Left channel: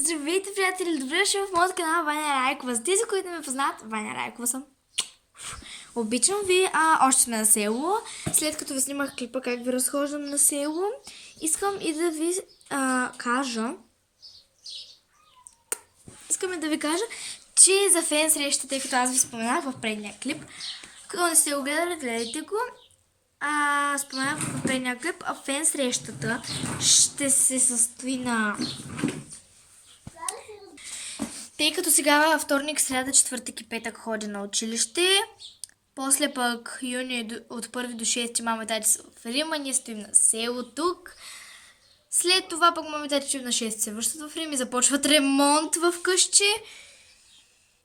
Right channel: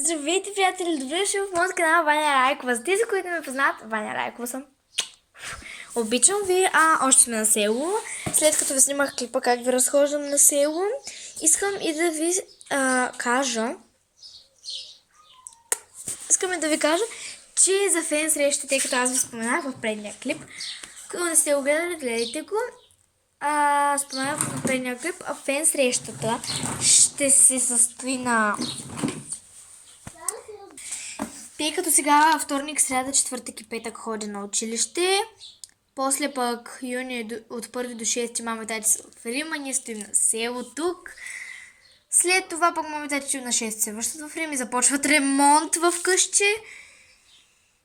Здравейте, приятели! Добре дошли в моят канал Ваня Райкова. За тези, които ме познат, Ваня Райкова съм. Обичам ви, още сме на село. След като ви снимах клипа как ви разхождам на село, искам и да ви кажа... Искаме да ви кажа, че за фен среща, тъй като аз ви споменах в предния клип, ако не сте го гледали, гледайте го. Споменах в предния клип, фен срещата ще се състои на... Тъй като сега вторник, сряда, четвъртък и петък ходя на училище, после пък юни от 1 до 6 мама и тати са в Рима, ние стоим на село тук. След това пък мама и тати на 6 се връщат в Рим и започват ремонт в къщи.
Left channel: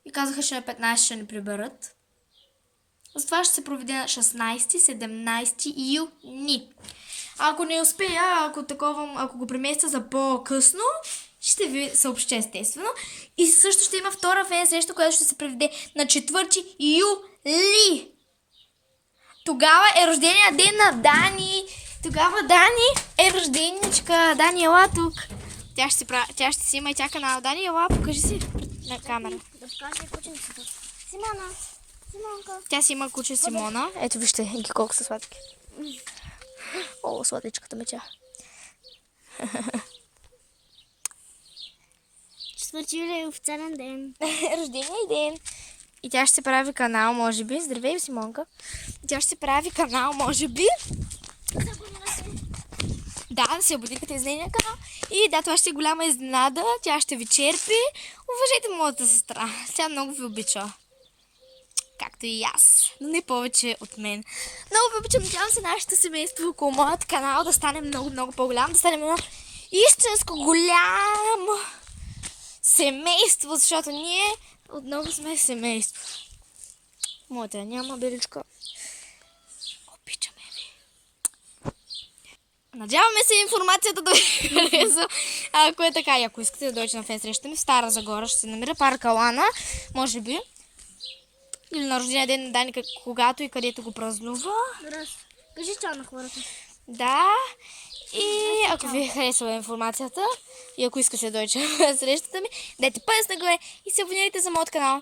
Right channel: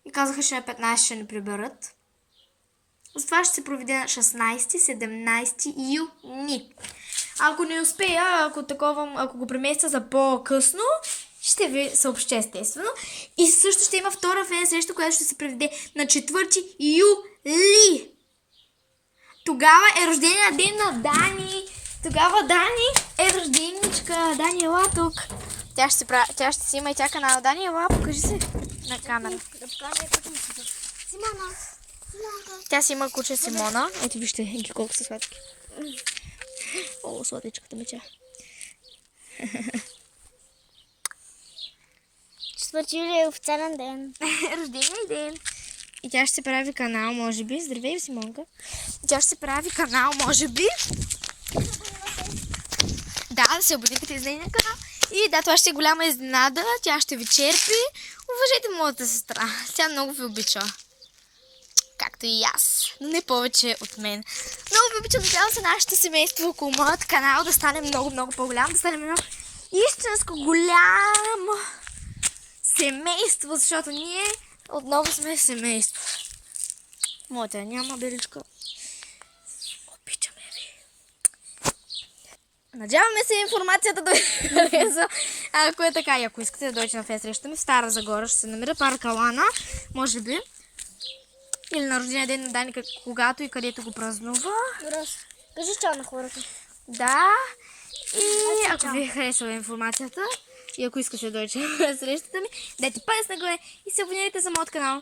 И казаха, че на 15 ще ни приберат. Затова ще се проведе на 16-17 юни. Ако не успея, ако го преместя за по-късно, ще ви съобща естествено. И също ще има втора фен среща, която ще се проведе на 4 юли. Тогава е рождения ден на Дани. Тогава Дани е рожденичка. Дани, ела тук. Тя ще си има и тя канал. Дани, ела, покажи се на камера. Симона. Тя си има куче Симона. Ето вижте ги колко са сладки. О, сладичката меча. 4 юли е официален ден. Рождения ден. И тя ще се прави канал, може би. Здравей, Симонка. Тя ще се прави канал, може би. Да се абонирате за нейния канал. И да, това ще е голяма изненада. Тя ще ви черпи. Уважайте моята сестра. Тя много ви обича. Както и аз. Но не повече от мен. Много ви обичам. Надявам се нашето семейство около моят канал да стане много по-голям. Да стане едно истинско голямо семейство, защото ние отново сме семейство. Моята няма, беличка. Обичаме ви. Надяваме се информацията да ви хареса. Ако е така, и ако искате да дойдете на фен среща ми в Стара Загора, ще се намира парк Алана, може би. Или на рождения ден на Дани, когато и където го празнува. Кажи чао на хората. Да. И ако ви е харесала информацията и ако искате да дойдете на срещата ми, дайте палец нагоре и се абонирайте за моят канал.